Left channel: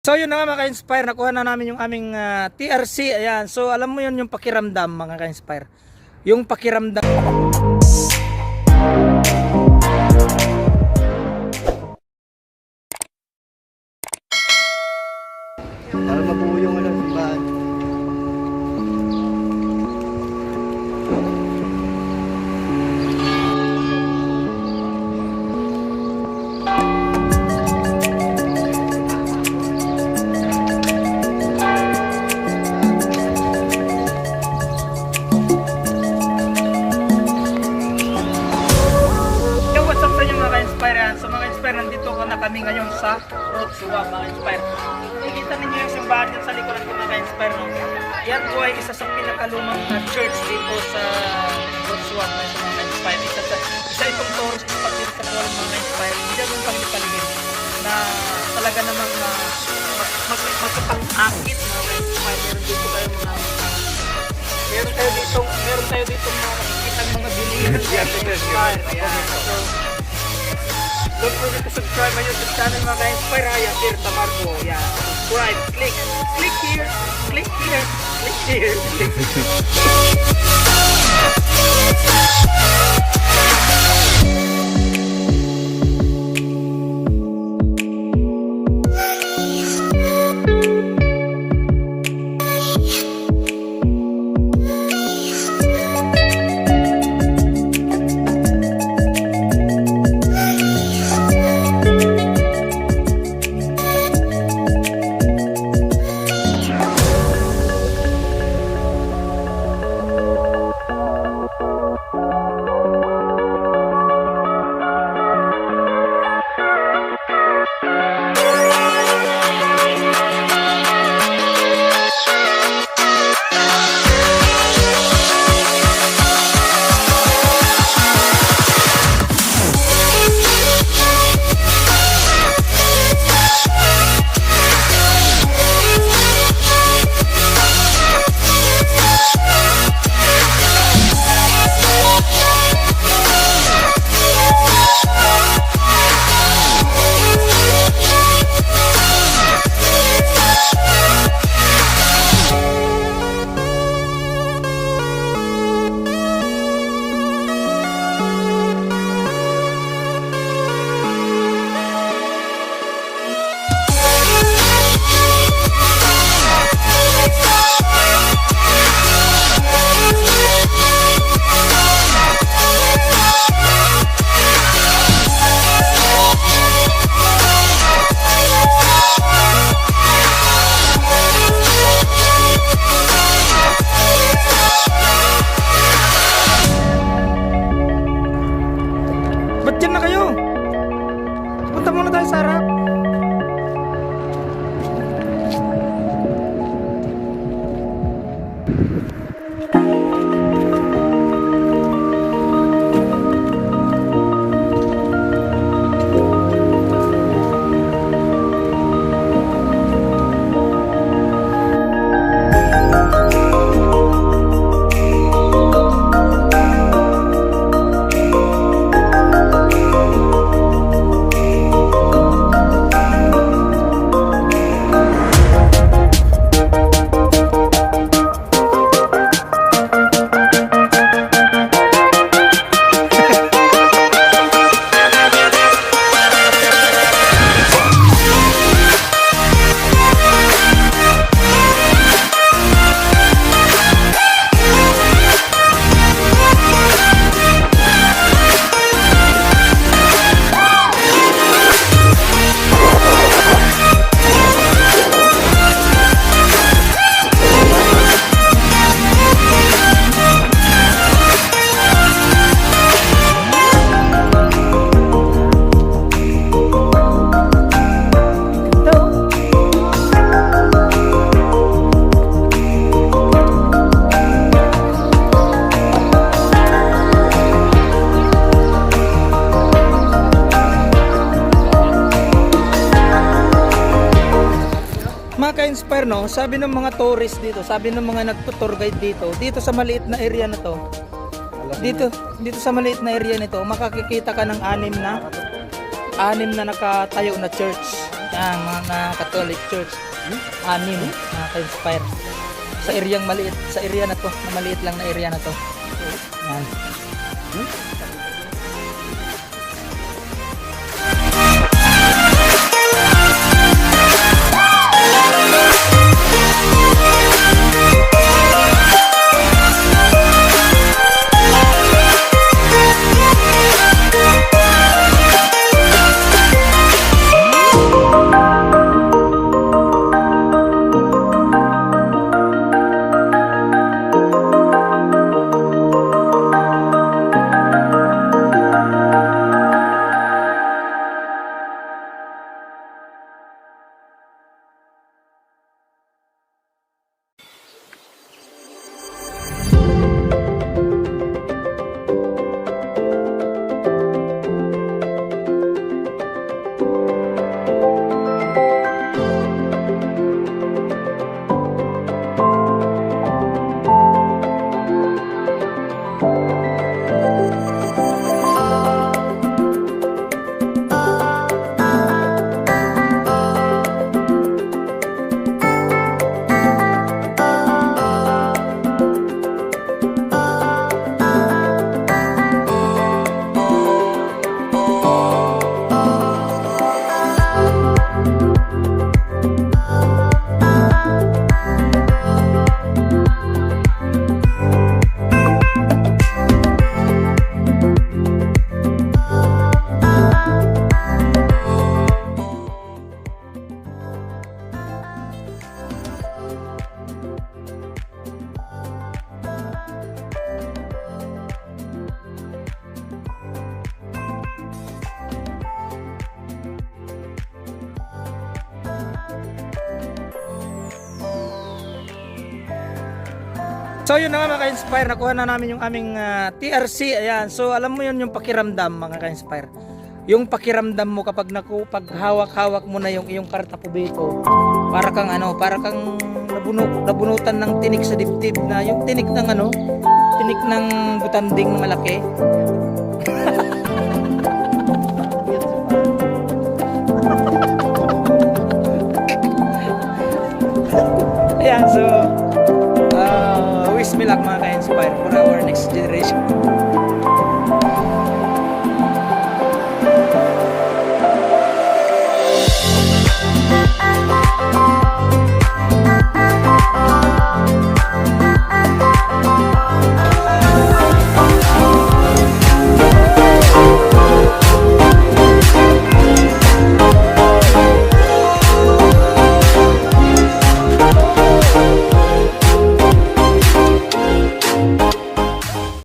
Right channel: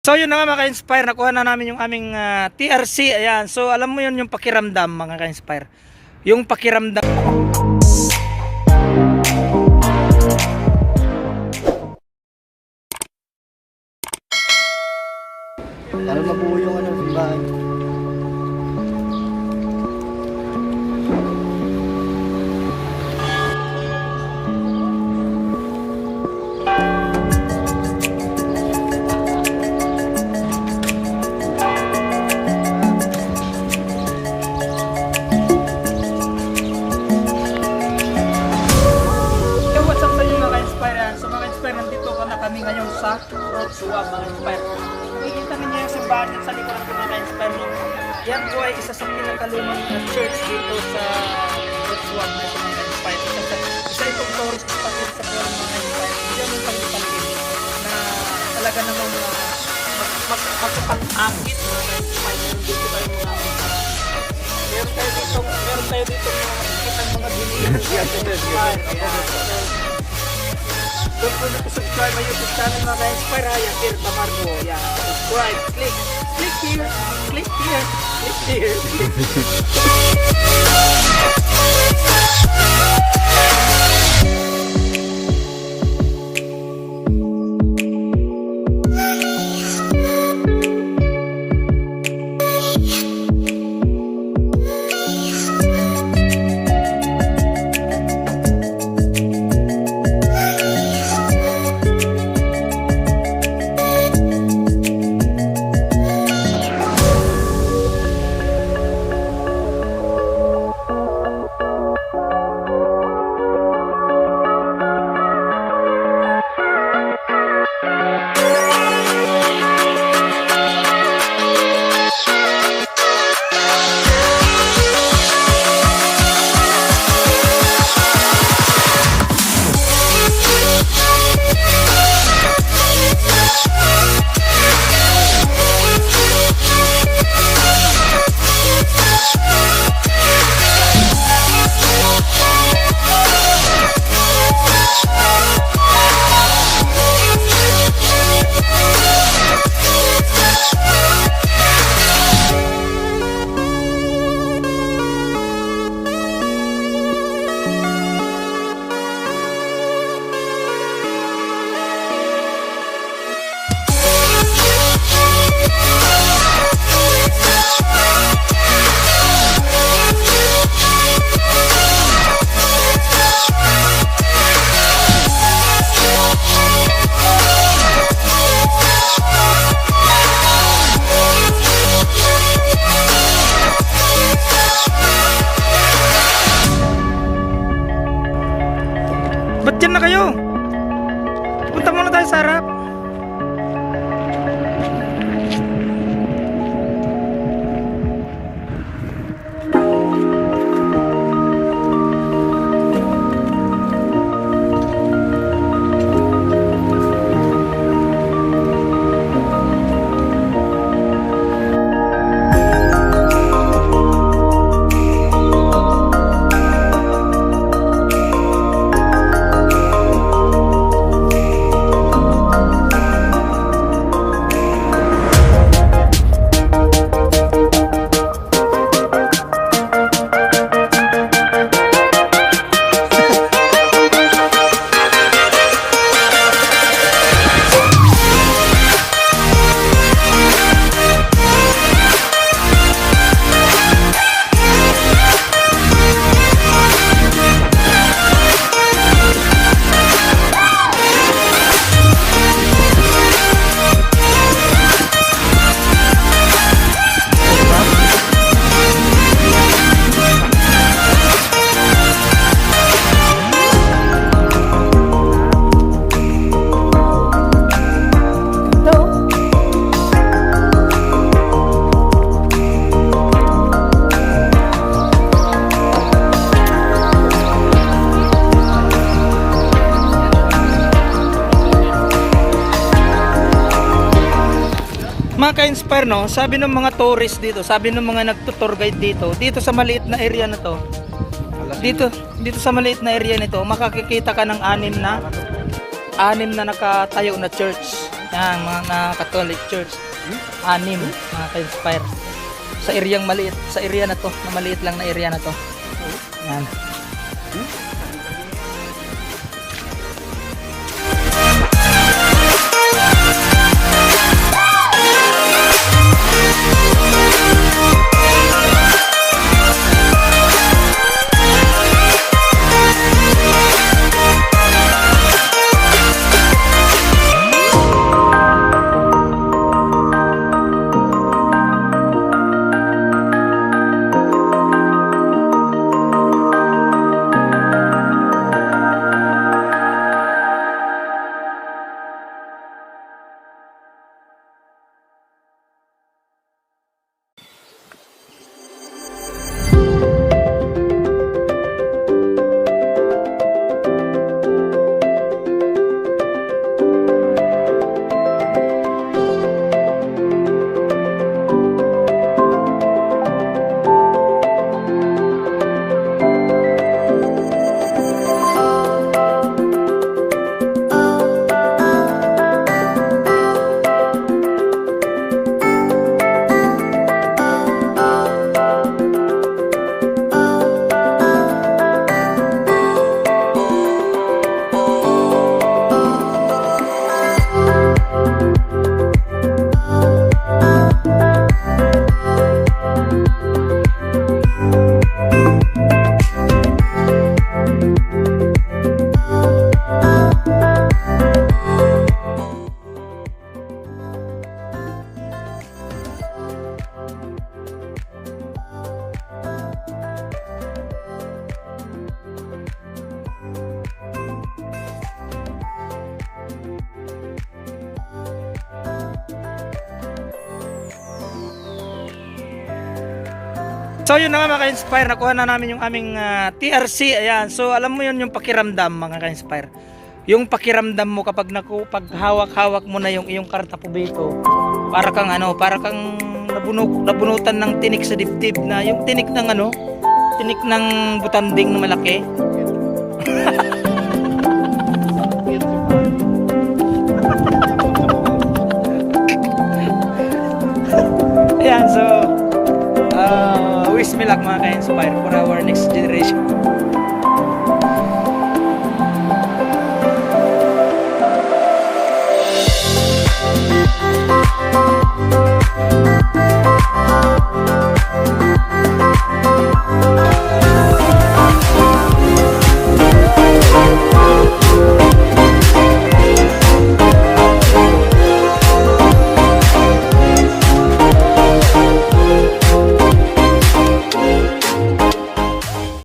So yun na nga mga ka-inspire, nakuha na namin yung aming ah, TRC. Ayan, so alam mo yun yung pakiramdam mga ka-inspire. Yung pakiramdam. Para mabuo yung ano, simbahan. Sa Road Suwa mga ka-inspire. Nakikita ninyo yung simbahan dyan sa likuran ko mga ka-inspire. No? Yan po ay isa sa pinakalumang uh, church dito sa Road Suwa na ito mga ka-inspire. Isa, sa, isa itong tourist spot dito sa Poland mga ka-inspire. Diyan yung paligid na talaga namang uh, mag, mag, magkapangangkit mga ka-inspire. Meron tayo dito, meron tayo dito mga makikita mga ito, Inspire. ito. Ayan. So, Don't forget to subscribe my YouTube channel mga ka-inspire ha. Yan, Sir Tamargo. Yeah, subscribe. Click. Click here. Click here. Click here. Mga ka-inspire no, sabi ng mga tourist dito, sabi ng mga nagtutour guide dito, dito sa maliit na area na to, dito, dito sa maliit na area nito, makakikita ka ng anim na anim na nakatayo na church. Yan, mga na Catholic Church. Anim, mga ka-inspire. Sa areang maliit, sa area na to, na maliit lang na area na to. Yan. So yun na nga mga ka-inspire, nakuha na namin yung aming ah, TRC. Ayan, so alam mo yun yung pakiramdam mga ka-inspire. Yung pakiramdam mo kapag naku, pag hawak-hawak mo na yung iyong karta pubito, para kang ano, para kang nabunok, nabunutan ng tinik sa dibdib na yung tinik ng ano, tinik ng butanding na malaki. Ayan, so luck mga ka-inspire for our next generation.